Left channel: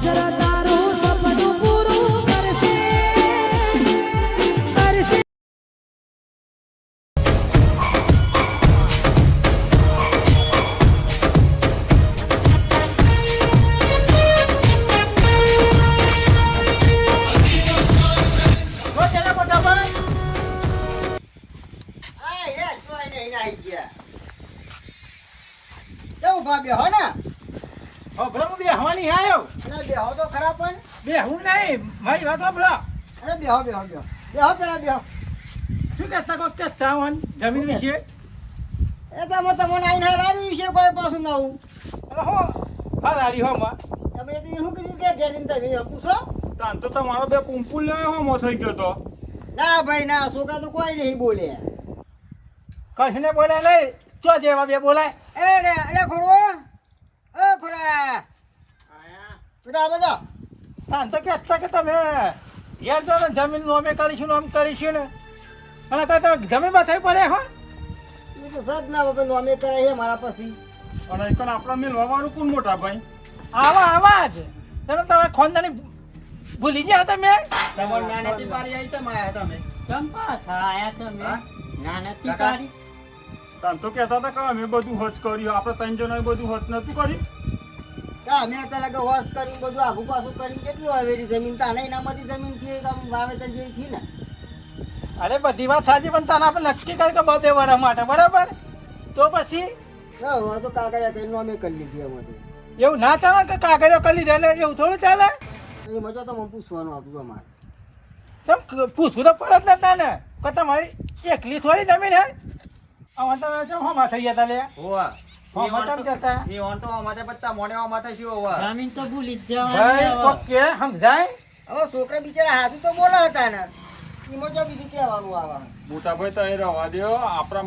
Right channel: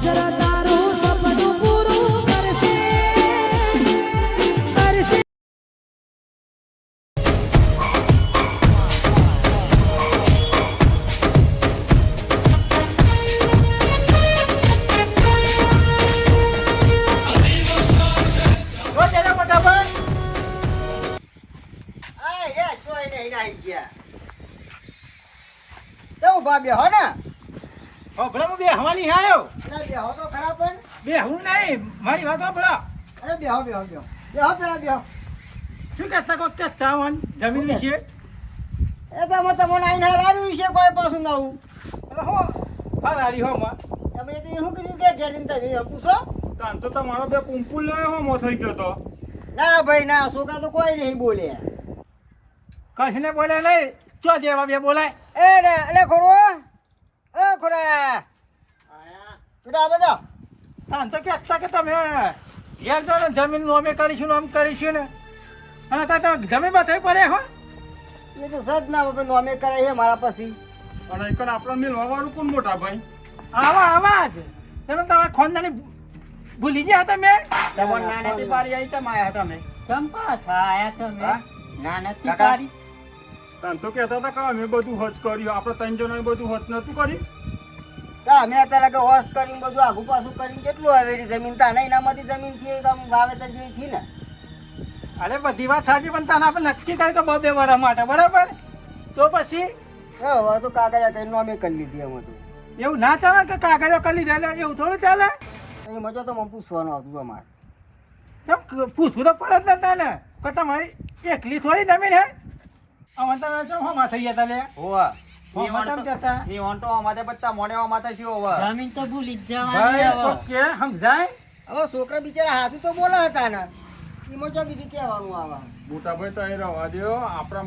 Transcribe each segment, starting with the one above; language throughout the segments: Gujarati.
જરા તારું સપનું પૂરું કરશે કરશે બે હો ને ભલા બે હવાની આવ્યો અને બે હો તો ખરા પણ બે હું નહીં મારી વાત સાંભળો અરે બે હો પેલા બે હો શું કહેતા કોક કહેતા હોન જમીન વિશે એ તો મત મને આઈને રાડ્યું વિશે કોઈ પાછું ના હું હો હા રાડી હો માં તમે તો શું કીધું કે ઘેરીને તમે એમ પૂછો તાન તો તમારો બે પુંપુલ લે હોમો થઈ ગયો તો ના ભાઈ ના છોકરા તો કોઈ નહીં બોલે કશને બોલે નહીં ચો જેવા બે બોલાય એટલે ખોરો એ ખોરા બેટા બધા તાન તો કહેતા કે તમે ઘેર જો ને જમીન નું અમે કરીશું આમ કરીશું ને અને તો જમીન માં થઈ પડે હો એ તો સદ ના બાપા નોમે કરે છે મારા પછી અને એકન આપણા મેલવા વાળું કોણ મોટા ભાઈ આવા જ તમે તમે ખોંદાની ભૂલી ગયા તમે તમને નાની પારી આવી તમે આયા તમે ચંપા આયા તમે ના નથી કાકા. પાડી તાન તો કહેતા હતા કે અમે બધું હોચ કર્યું આપણે ત્રણ જણાએ બધું હોચ નતું કર્યું અમે અત્યારે કે હોશ કરીને બધું આઘું પાછું કરીને કેટલું આવે જમીન તાને એનામાંથી જમીન થી વાવેતર જેવી થી ને અરે બધી વાત સાચી પણ તને આપણે નક્કી કરી કે બે વર્ષ માટે બરાબર તો પછી હવે તો કાગળિયા કઈ નોમે કરી લીધી અમે તો એવું ના ચાલે કે કાગળિયો કરી લીધા એટલે એવું થોડું ચાલે એ મજો તો મને પૂછવાનું હતું અમારે તો પૂછવું તો પડે જ ને તને કે તમારી એકલી થોડી જમીન હે આમાં તમે ચમ હમા થઈ ગયા તા લે હોવા હમા ચમ કહેતા એ ઓન તો અમારે બધા મોડે અમારે શું હોવા જમીન તો ભૂલી જ ભાઈ જવાની ઓકે સમજાય હવે છોકરા બિચારા હાથું તો બોલે હતા ને એમાં જો બીજું કહેવાનું આવે મોટા ભાઈ તો એ રવા દો આપણા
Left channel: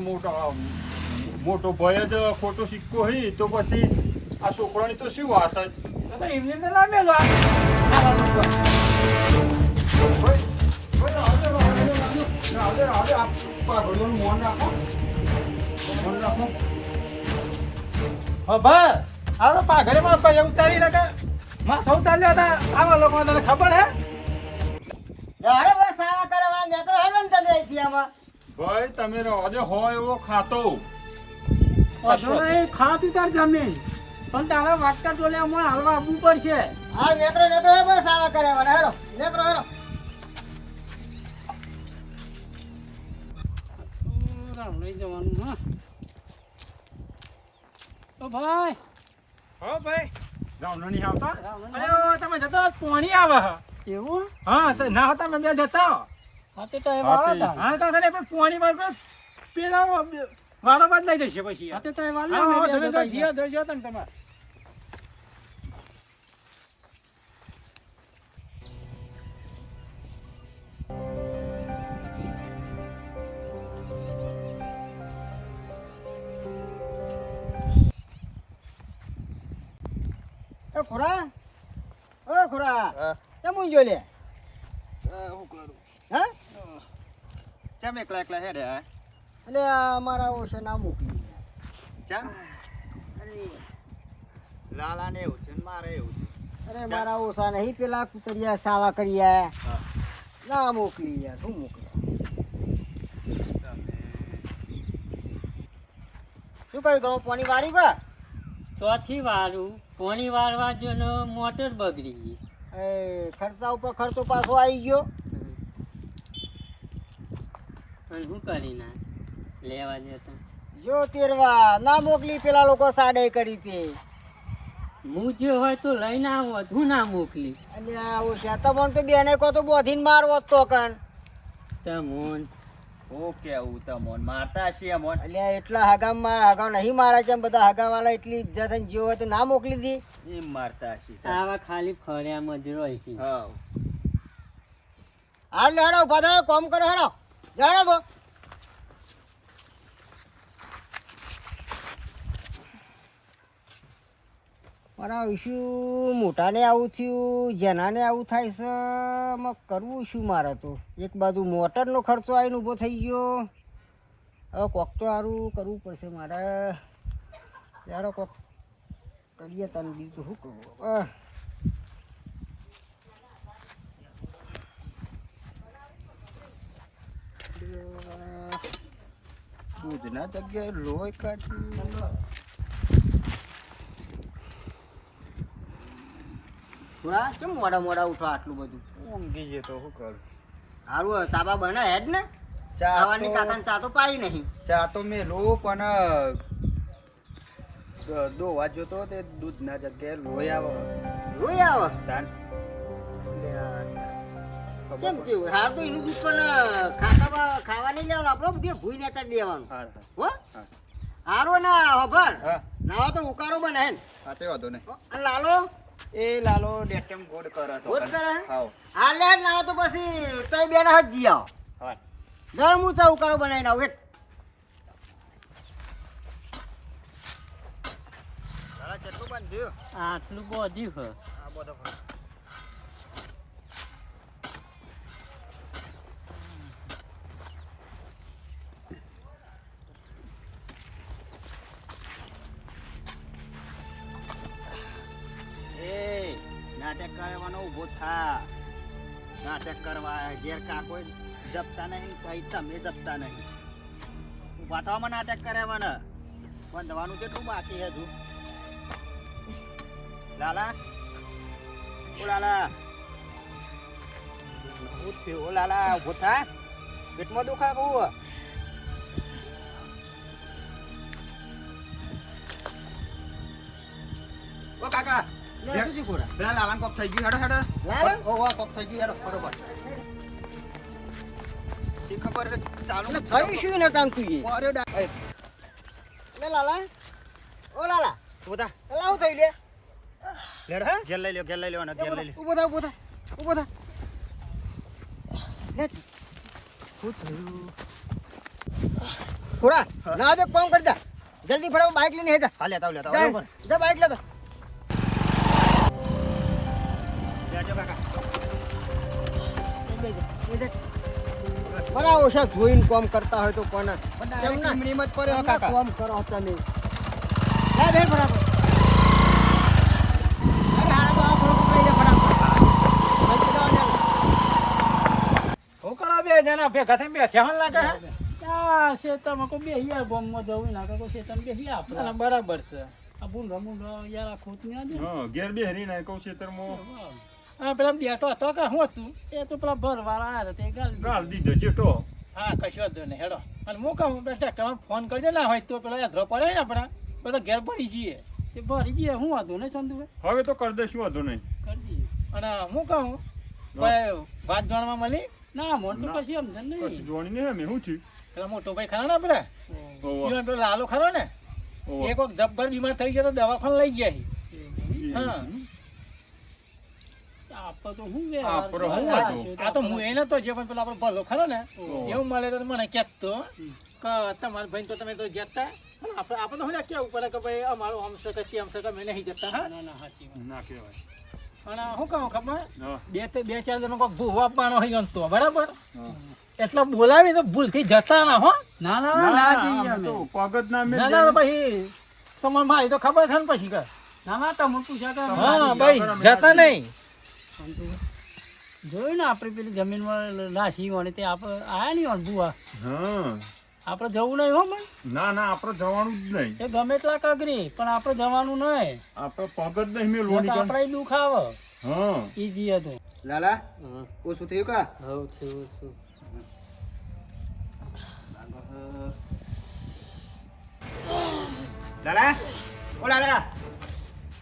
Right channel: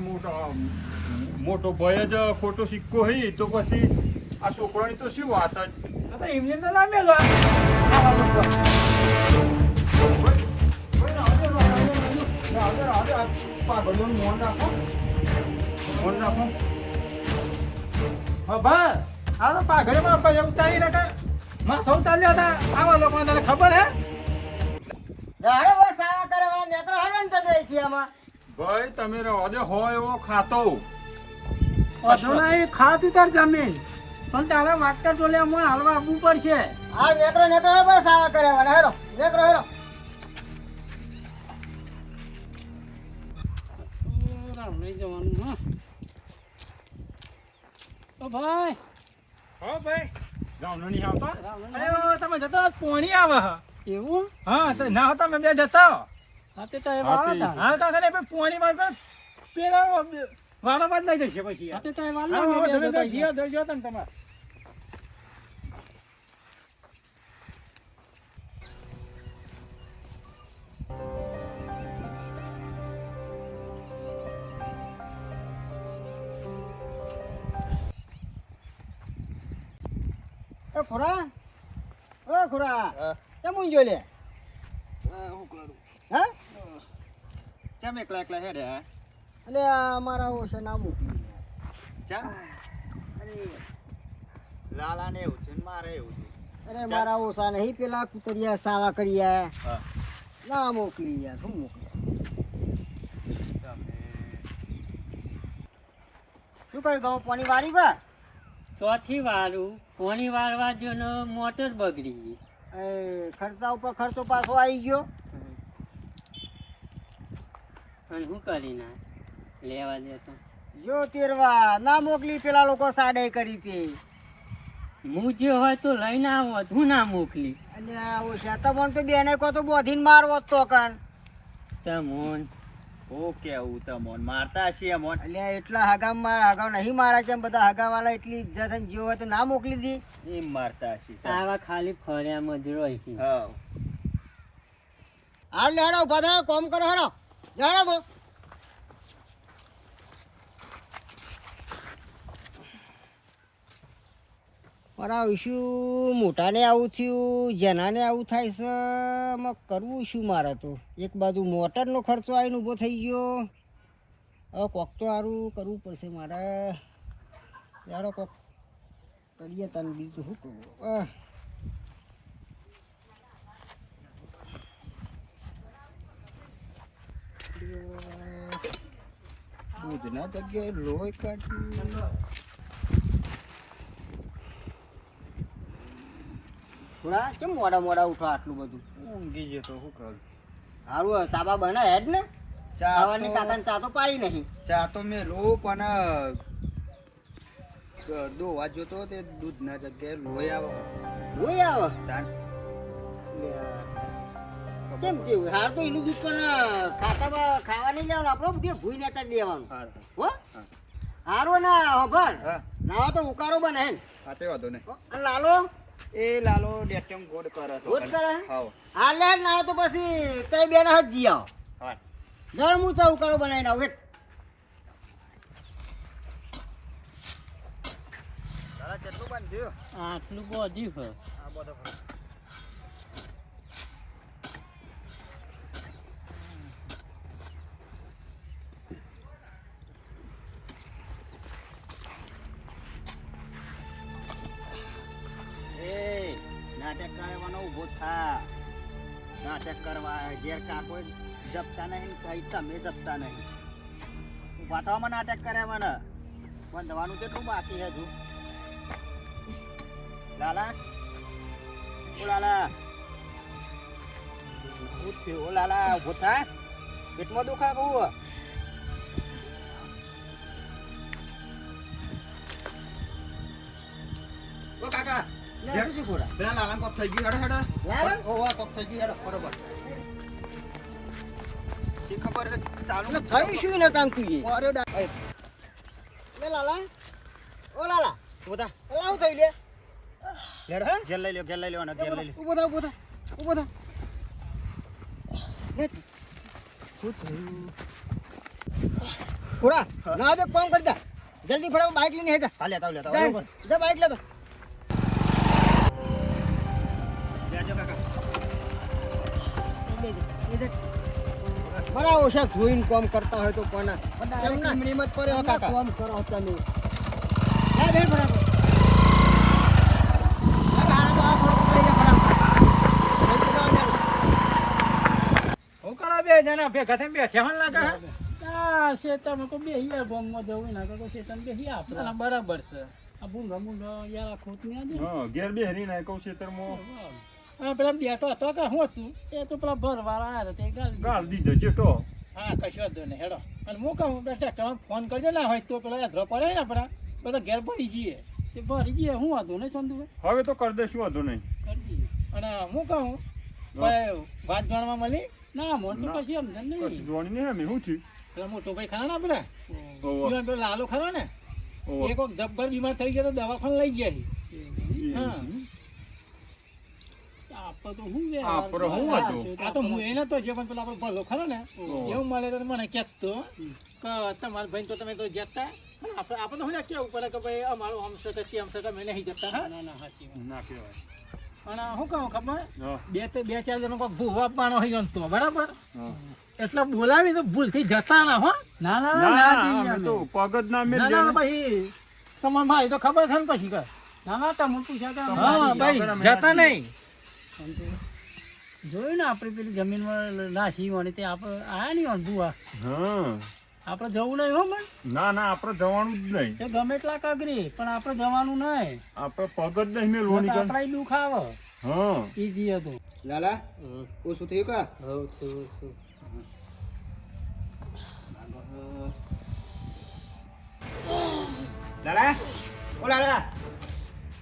મોટો ભાઈ જ ખોટો સિક્કો હઈ તો પછી આ છોકરાની તો શું વાત જ તો એમને તો ના મેલો આવા લોકો હા ભાઈ આ તો પાઘડે માં પૈસા ઉતારી નાખે માથા ઉતાર્યા હતા આવા લોકોને તને ખબર હે અરે બસ સારા કરવાના નેકરો હેડો ને તમે અહીંથી આમાં ભાઈ તમે રવા દો હોય એવો ખાતો ખાતું તાર જમીન પણ તારા વાટકા ટોલે અમારે હાલવા આવવું પડશે હા નેકરો હેડો બસ સારા કરવાના હેડો નેકરો હેડો રામ લઈ જવાનું હા તો ભાઈ હો ભાઈ રાવણ નહીં આવતા અરે ઓ તમે જતા પોણી આવે હે એવું હા તો ના હતા મેં બે જતા હા તે તો એ વાળો હતા હા કાકા પણ પોણી માં તો પેલા વાળો બાદ નહીં જશે પછી હા તે તો એ વાળો હા ને તમે જતા જીઓ જોજો તમે તમારે એ ખોરા ઓ ખોરા કેમ ઊંજો લે હું કરું હા ચમ એકલા એકલા હેડે હા એટલે આ અમારા ઓછે ના મૂકી ચમ અરે લાલાને એવું છે ને મારે એવું છે અરે મારા ઓછા નહીં પેલા કુતરિયા સાવા કર્યા હા ના મોકલી યાર શું મોકલી તમે શું કર્યું તમે પાણી વાળી ગયા ચોથી વારું પોણી વારવા જો ને મોટર બગડી ગઈ એ ખર્ચા ઉપર ખર્ચો પાછો આવી ગયો અને શું કરી ના લેવા જતા જો તેરવા ના મોકલી પેલા લોકો સાડે કરી હતી હું જે હોય તો લઈને આવો હું ના મોકલી અને આવું છે તમને તો બેને કહો તો બોધીને મારવો જ તો કણ તમોન ઓ કેવું તમોન મારતા છીએ મોન એટલે એટલા હગામ નહીં મારા છે બધા હગાવાળા એટલી ઇજ્જત અને જીવ હોય તો ના મોકલી દી એમ મારતા છીએ આવા ખાલી ફર્યામાં જ રહી છે હા હાલ લે હેડો ઉભા થયો કોમ કરો હેડો જાણો તો મારા શું મોટાને આવું થયું જેનાને આવું થાય છે એમાં કરવું શું મારે તો એક બાજુ મોટરનો ખર્ચો આવીને ઊભો થઈ ગયો હવે કોક તો સારું કરવું પડશે મારે યાર કોક કરીએ તને બીજું શું કરવું દૂધના જગ્યાએ લોહી કાઢ્યું. થોડા કેમ મોડા મોડા ઉઠો આટલું બધું? ઊંઘી ગયો તો શું કરું? સારું ચાબા બના હેડ ને ખાવાની કાકાને ચા તો પાઈ નહીં. ચા તો મેલું પણ દોવા જોતો તે દૂધના જગ્યાએ લોહી આવે. લોહી આવે તાન કેમ કેવું? હાર તો એનું દૂધ પણ ખાવા નહીં લેવાનું, આપણો બધી ભૂઈ લેતા જ લેવાનું. હાર હો હા હારો ના ખબર હા ના તો ઉકારો બને હે ને. હા તે વાંધો નહીં. અને લાલો એ લાલો ડેટેમ ગોડ કરે તો ગોડ કરે? હાવ આ લે ના તો પછી તઈ બેન હાથ જી આવો. હા જળ હું ચા ઉકાળો બનાવીને આવું હેઠ. તારા કેટલું બાંધ્યું? આટલું બધું હ આ બધો ફરક. એ નાટક કરવાનો ઊભો થા. નાટક કરવા ઘેર કાકો જપતા નહીં, ભાઈ તમે જપતા નહીં. ઊભા થવામાં નાટક કરે મને. બંધવાનું કેટલું બાકી છે હજુ? લાલા ઓ લાલા ઓ લાલા ઊભો થા. પેટમાં દુખા કહું? ઓ કાકા લે શું છે ખોરા? પેલા લાલા કોક થઈ ગયું. હેડો હેડો. લાલા? ઓ વાહ કોક થઈ ગયું. હેડો બરોબર. એ ખબર છે ચાલુ એટલે થઈ શું ને તાન તું એ? અરે ડા લે લાલા ઓ લાલા બધા લાવ થઈ લે. લેડો ઘેર લઈ લ્યો, ઘેર લઈ લ્યો અને ઘેર લઈ લ્યો. ઉભો થા ઉભો થા ઉભો થા. લે શું થયું? ખોરા ના દે કામ કરતા જલ્દી ફટાફટ બાઇક લઈને હેજા. હા લેતા લેતા જા બરોબર. જા બાઇક લેતા. લેજો કાકા. બરાબર છે જોઈને કામ કરતા હોય તો કોને ડાયરેક્ટ ઈમણીમાં જ પડ્યો કાકા. કામ કરો તમે. લે ભાઈ બરાબર. અરે આ તો આ ફળ પકડી લે ફટાફટ. જલ્દી જાઓ જા. હું કરા બે જણા ભેગા થઈને બેઠ્યા હોન લાગે હે? આ શેતરમાં કોઈ બેસી જાય ગોમમાં જવું ના તો કોઈ શેતરમાં બેસી આપણે ના, બરાબર છે. આ ભૂંડો મૂંડો યાર આ ખોટ ના દે હા ઘેર બેહરી ના કહું ખેતરમાં હા પેલા બેઠો હતો કે શું હતું? એ તો પેલા ભરવાળા આવ્યા હતા તે ગાળ દીધો ચેટો. હા કશો વાંધો નહીં હેડો. અને હું કહું ટ્રેક્ટરમાં ફોન કરજો ના હોય તો પેલા યાત્રા પડે ને આપણે બધા ઘેર પડી જઈએ. તે ભરી જઈએ હું હતું ને ચંદુભાઈ હવે તો કરી દઈશું વાંધો નહીં. કરી દઈએ અને હું કહું કોઈ વાત જાણવા મળી? ના મોન તો ના. કશી સમજણ કશું નહીં જોણી નહીં અમે શું થયું? પેલા મોટો ભાઈ ખરા ને આપણે ઓવા, ઈવન પેલો લાલો ખરો ને ઓવા. એ કોઈક જબ્બર બીમાર થઈ ગયો તો દવાખાને લઈ ગયા છે. હા. આપણે તો શું આપણે શું હતું? આ તો હું એ નતો જે પણ પેલો આપણો ભલો ખરો ને એવું મળે તો મને કહેતો કે તમારા ભાઈ તો તમે તો જતા આપણે તો શું કેવું પડે કે ભાઈ અમારું આમ છે કે તેમ છે કે અમે નહીં જતા. હા ના ના સાચી વાત ના કહેવાય. અને શું કહું ખબર હા, બે ચાર જણો કોઈ ભૂવો આપવાનો હોય એમ તો બરાબર હા. એટલે બોલાવી તો ભૂલથી જતા ના હો. ના ના ના, ના ના ના, જઈએ અમે અમે તો પગ જ ના મેલ ના જાય. ના પછી તમારે મારી તો ખબર છે ને પછી કે ના ના તમને પૂછ્યા કે હા ભાઈ જતા નહીં. જોયું ને આપણે પેલી જમીનમાં નાસી વળે તે આપણે આયા નહીં વણ બુઆ હા. આપણે જવું નહીં હો પણ ના ના આપણે જવાનું જ નહીં. એ ગમે એટલા કગરી પણ આપણે જવાનું નહીં આપણે પગ જ નહીં મેલવાની કામ. આપણે દુઃખ આવે હા એ જઈએ તો લાલા ઓ શું થયું કા? હવ થયું શું? લાલા ઓ લાલા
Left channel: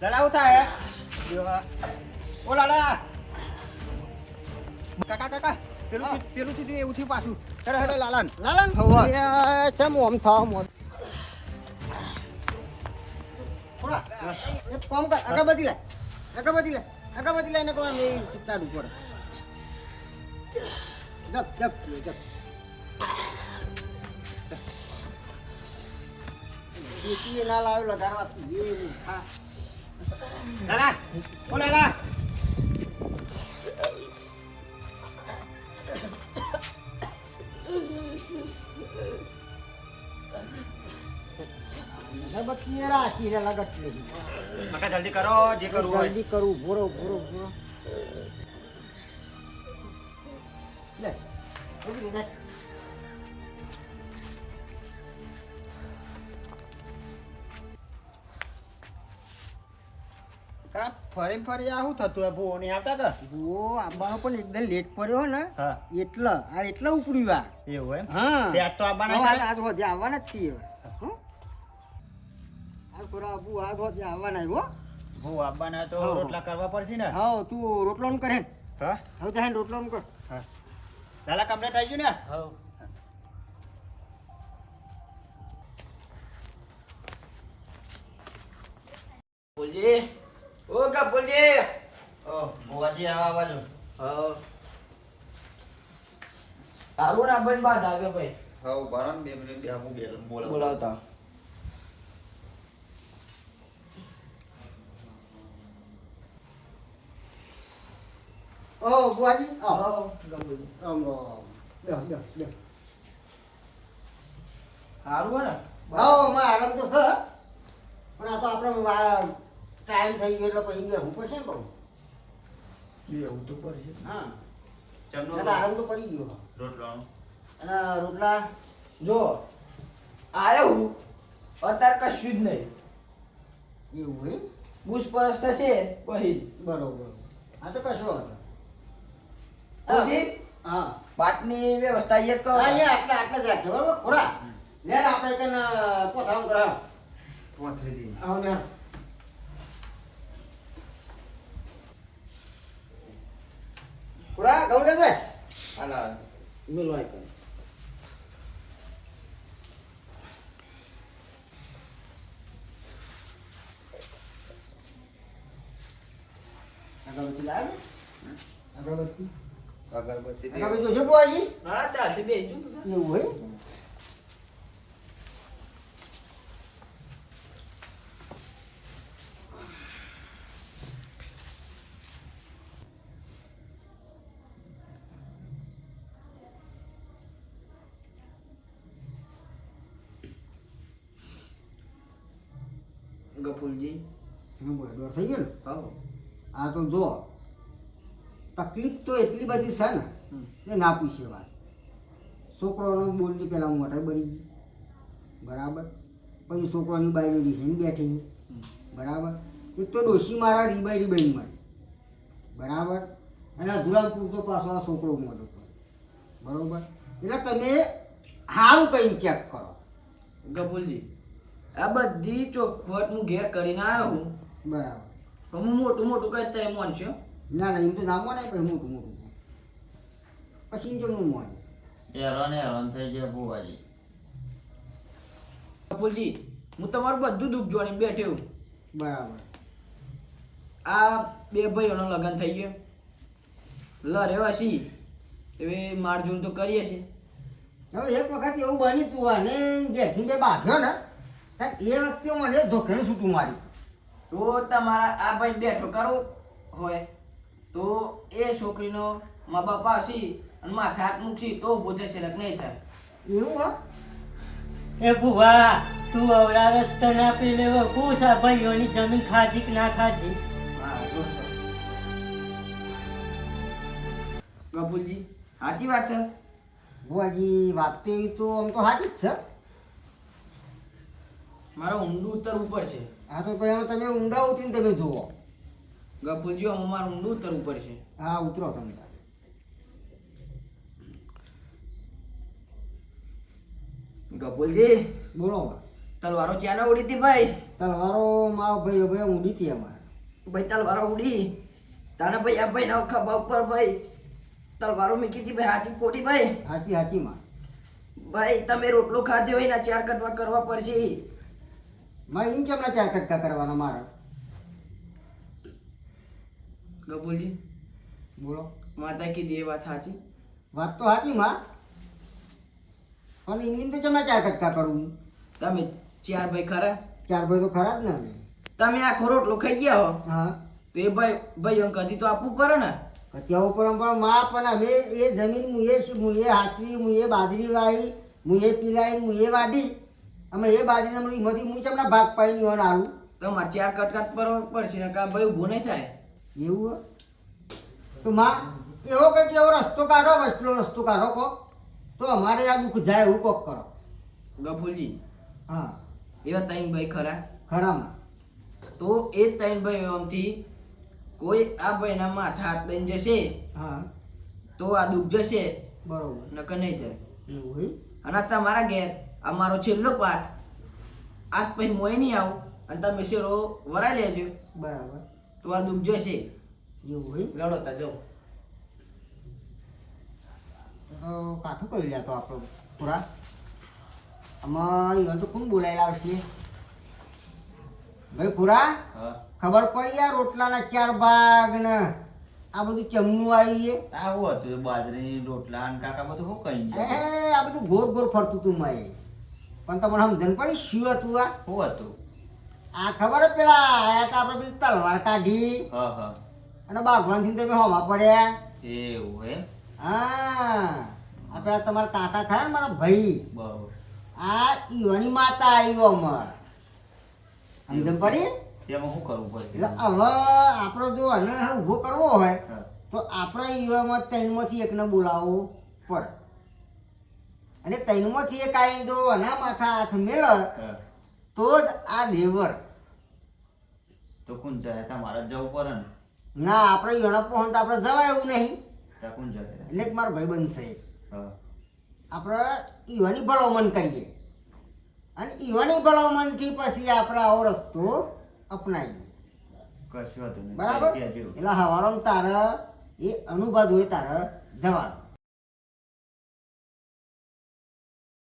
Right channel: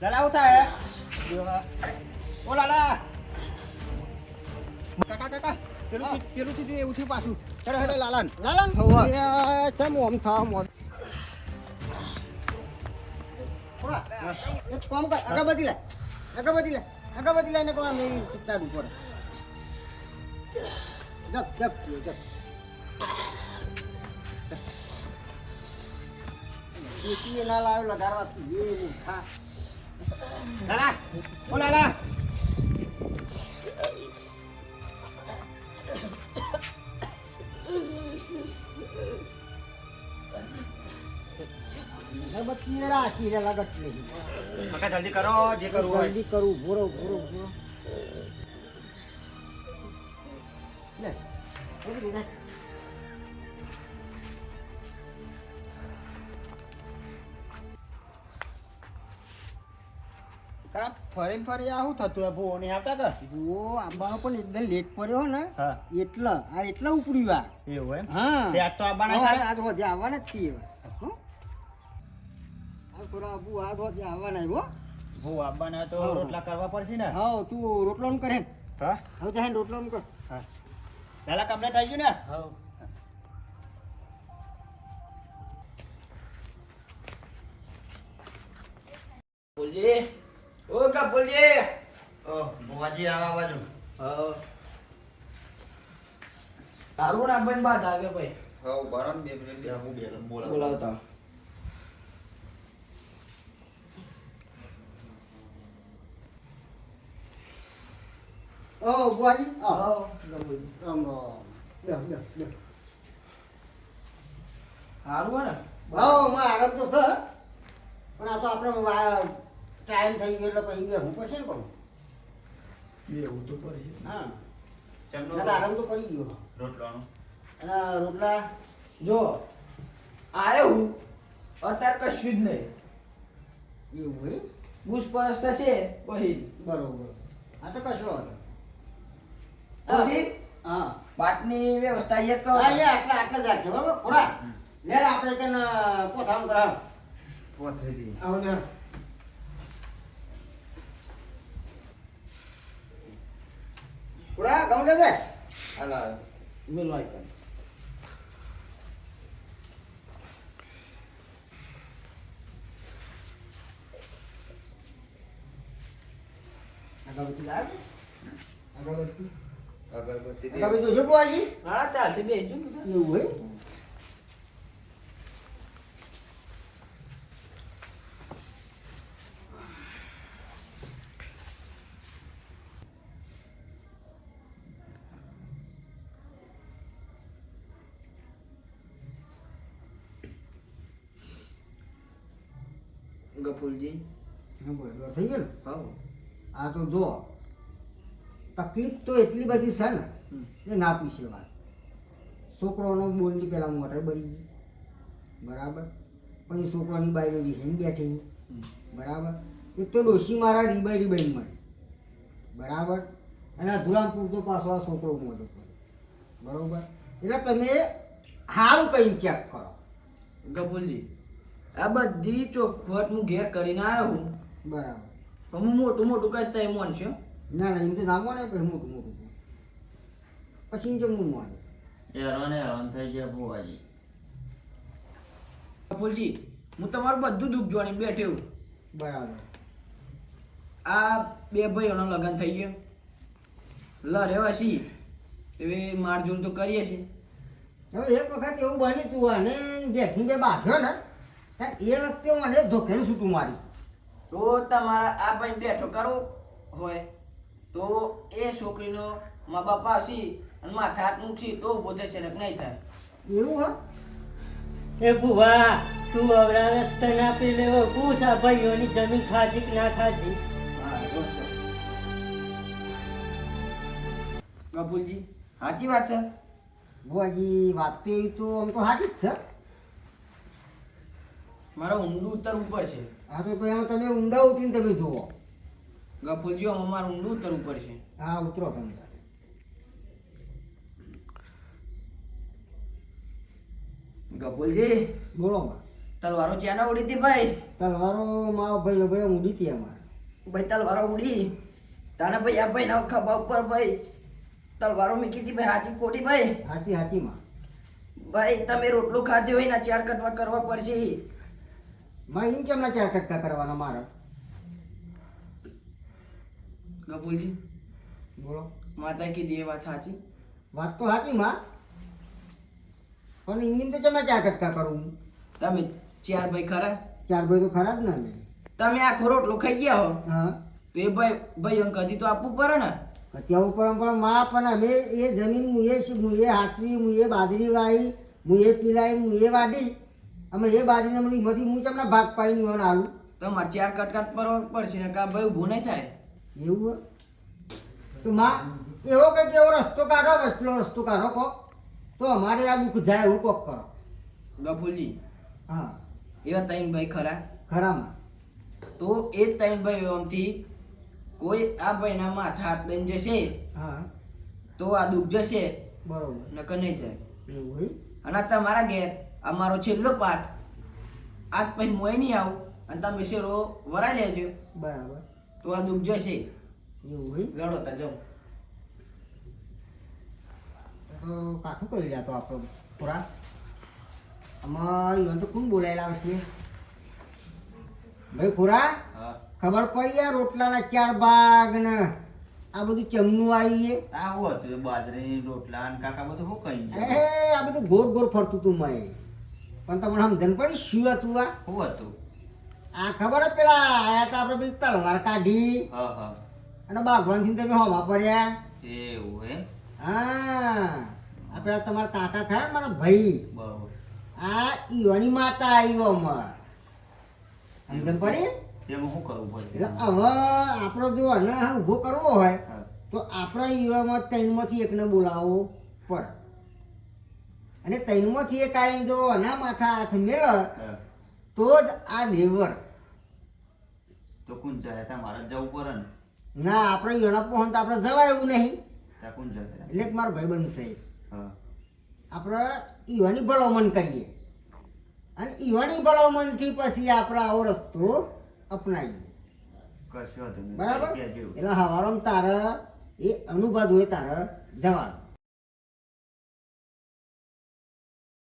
લાલા ઉઠા હે ઓ લાલા કાકા કાકા પેલું થયું એવું થયું પાછું. હેડો હેડો લાલાન લાલા હવા. ચમ ઓમ થાવ મોમ. ખોરા એક કામ કર અગરબત્તી લે અગરબત્તી લઈને કોણ મેં ચિત્તાડ ઉપર જપ જપ જપ ચીટી ના લાવ્યો લગાડવા એ હા લાલા ઓ લાલા અગરબત્તી રાખી રે લગટ નહીં. કાકા જલ્દી કરો જે કરવું હોય. જલ્દી કરું ભોરો ભોરો ભોરો લે મૂકી દે કા ફરી ફરી આ શું થતું હે ભૂવો નહીં આવતા કે ભૂવો આવવાનો પણ એકદમ લેટ પડ્યો ને હા એટલે ઉપડ્યું આ એવું એમ હા તે આજ તો આવવાના હવે હતા? આજ હોજે આવવાના જ છીએ હવે. હો? આજ થોડા આબુ આજ હોજે આવવાના હો. ભૂવો આવવાના તો હા. રોટલા કરવા પડશે ને હા તું રોટલોનું કરે ને. હા હવે જાય રોટલોનું કર. હા ચાલા કમ્પ્લીટ આવી ગયું ને હવ બોલજી ઓ કા બોલજી ભુવાજી આવા બાજુ હા તારું ના બંધ બાદ આવ્યો ભાઈ હા બરાબર 2 મિનિટ હું બોલાવતા ઓ બુઆજી આવો. હા રામ રામ. બેહો, બેહો, બેહો. સારું હે ને હા માં આરામ તો છે પણ આ તો આપણે ટાઈમ થઈ ગયો એટલે પછી બેહવું પડશે ને બહુ. એવું તો પડશે હા ચમનો એટલે આરામ તો પડી ગયો રોટલાનો અને રોટલા જો આયો હું અત્યારે કશું જ નહીં એવું હોય પૂછપરછ થશે પછી બરોબર આ તો કશો વાંધો બોલજી હા પાટની વ્યવસ્થા અહીંયા જ કરો હા એ આટલા આટલા જ રાખજો બરોબર ખોડા લે આપણે કને પોતાનું કરાવ પોથરીથી આવો ને ખોડા ઘઉં લેજે હાલા બોલો આઈ અગરબત્તી લાવ અગરબત્તી અગરબત્તી અગરબત્તી જોજો બુઆજી હા ચાલશે બેસજો એવું હોય ગફુલજી હા બરાબર થઈ ગયો ને હા આ તો જો તકલીફ તો એટલી બધી છે ને એ ના પૂછે વાત છોકરાનો બોલની પહેલાં મોટર બળી ગઈ બરાબર પછી છોકરાની બાઈને રીહીને બેઠી બરાબર એક તો ડોશી મારા રીબાઈ મળી બરાબર અને અધૂરામ પૂરતો પાછો આ છોકરો મોટો પડ્યો બરાબર એટલે તમે સારું કહીને ચેક કરો ગફુલજી આ બધી ચોખવટ હું ઘેર કરીને આવ્યો હું બરાબર પણ હું મોટું મોટું કહેતા એ મોન છે ના ના એમ તો ના મોને પછી મોટું મોટું કહે. પછી જેમ હું મોને હેરાન થઈ ગયા ભુવાજી ગફુલજી હું તમારું બધું દુઃખ જોઈને બેઠ્યો બરાબર આ બે ભાઈઓનો લગ્ન થઈ ગયો લડ્યો હશી હવે મારઝૂડ તો કરીએ છીએ હવે એક વખત એવું બન્યું તું અને ઘેરથી બે બાંધ્યો ને એ વખતે મને ધોકેને છૂટું મારી તો તમારા આ ભાઈ બેઠો કરવો હોય તો એ છોકરીનો મા બાપ આવશે અને માથે હાથ મૂકશે તો ઊભો થશે ને નહીં થાય એવું હો એ ભુવા તું અવરા રસ્તા ના પી લેવો પૂછ આ ભાઈઓની જમીન ખાધી કે ના ખાધી ગફુલજી સાચી વાત છે ભુવાજી વાત તો એવી તો આમ તો સાચી જ છે મારે ઊંડું ઉતરવું પડશે આ તો પછી હવે તમે ઊંડા ઉતરીને તમે જુઓ ગફુલજી આમાં મારે ઊંડું ઉતરવું પડશે હા ઉતરો તમે ગફુલજી બોલો તલવારો ચાના ઉડી હતી ભાઈ તલવારો માં ભાઈ ભાઈ ઊંડી હતી અમારે ભાઈ તલવારો ઉડી તાને ભાઈ આ ભાઈ ના ખભા ઉપર ભાઈ તલવારો મૂકી હતી ભાઈ હાચી ખોટી ભાઈ સાચી સાચી માં ભાઈ તમે રોટલો ખાધો હોય ને ચાર કટવા કરવા પડશે માં એમ કેમના ચાર કટકા કરવાના મારા ગફુલજી બોલો માતા કીધી એ વાત સાચી વાત તો સાચી માં પણ એમની તો કેમના ચાર કટકા કરું હું તમે ચાર ભાઈ ખરા ચાર ભાઈ તો ખરા જ ને અમે તમે આખો રોટલો ખાઈ ગયા હો હા તો એ ભાઈ ભાઈઓ કદી તો આપવું પડે ને અત્યાર પરંપરા માં પણ અમે એ જમીન મુએ હાથવી મુએ બાજરી વાવી મુએ પીલાઈ મુએ વાડી અમે એ બાજરીને એમાંથી હું ચમના ભાગ પાડીને હોને આલું તમારે ચાર કટકાટ પર પડશે ને કા ભાઈ ઊભું નહીં થાય એવું હોય? તો માં એવો કંઈક એવો રસ્તો કાઢો વસલો રસ્તો કાઢો કહો તો અમારે આ દુઃખ જાય એવું કોક કરો ગફુલજી હા એવા ત્રણ ભાઈ ખરા ખરામાં તો એ ત્રણ ભાઈઓમાંથી કોઈ આ ભાઈના માથા હાથ દઈને જશે હા તો આ દુઃખ જશે, બરોબર નકર નહીં જાય. એવું હોય અને આ તમારા ઘેર આ મારો છેલ્લો પાઠ, આજ પછી મોય નહીં આવું અને તમે શેરો વરાઈ લેજો બરાબર તો આ દુઃખ જશે. એવું હોય લડો તા જાઓ. તો કાઠું કરી લ્યા તો આપણે પૂરા આમાં ઈવન તો કોણ બોલાવી લાવશે ભાઈ પૂરા? હા ખબર પડી યાર રોટલાના 4 ભાગ ને આ બધું ચમનું આવી છે. આ હું હતું બાજરી રોટલા અને કાકા બધું શું કહી એ આ બધું ગોર ગોર ફરતું તું મેં પણ તમને સમજણ પડી શું હતું આ? શું હતું? આ ખબર જ પેલા આયા તા આપણે પેલી તલવાર કાઢી હા હા અને બાગવાનથી તમે હોવા પડ્યા. એવું હે હા આ પેલા તમારા કાકા ખરા ને મારા ભાઈ, બહુ આ ઈવાની માતા આવ્યો અમાર સમજણ પડી? તેમાં શું કરવું પડે? એટલે હવે આપણો જો આને ઊભો કરવો હોય હા તો આપણે ઈવામાં 3માંથી એકને બોલાવવો પડે અને 3માંથી એક આવીને જો આના માથા હાથ મેળે હા તો જ આ દેવર. તો કોણ જાય? તમારે જ જવું પડે ને. ના આપણે ઈવાના પહોંચ આપણે જવાય એવું નહીં ત્યાં કોણ જાય? એટલે જ મારો ભાઈ બનશે. હા આપણે ઈવાની ભલામણ કરીએ અને ઈવાની ભલામણથી પછી આપણે આવો રસ્તો અપનાવીએ. કશું હતું નહીં. બરાબર? કહેજો. એટલે હવારમાં તારે એ અનુભવ હોય તારે જવાનું.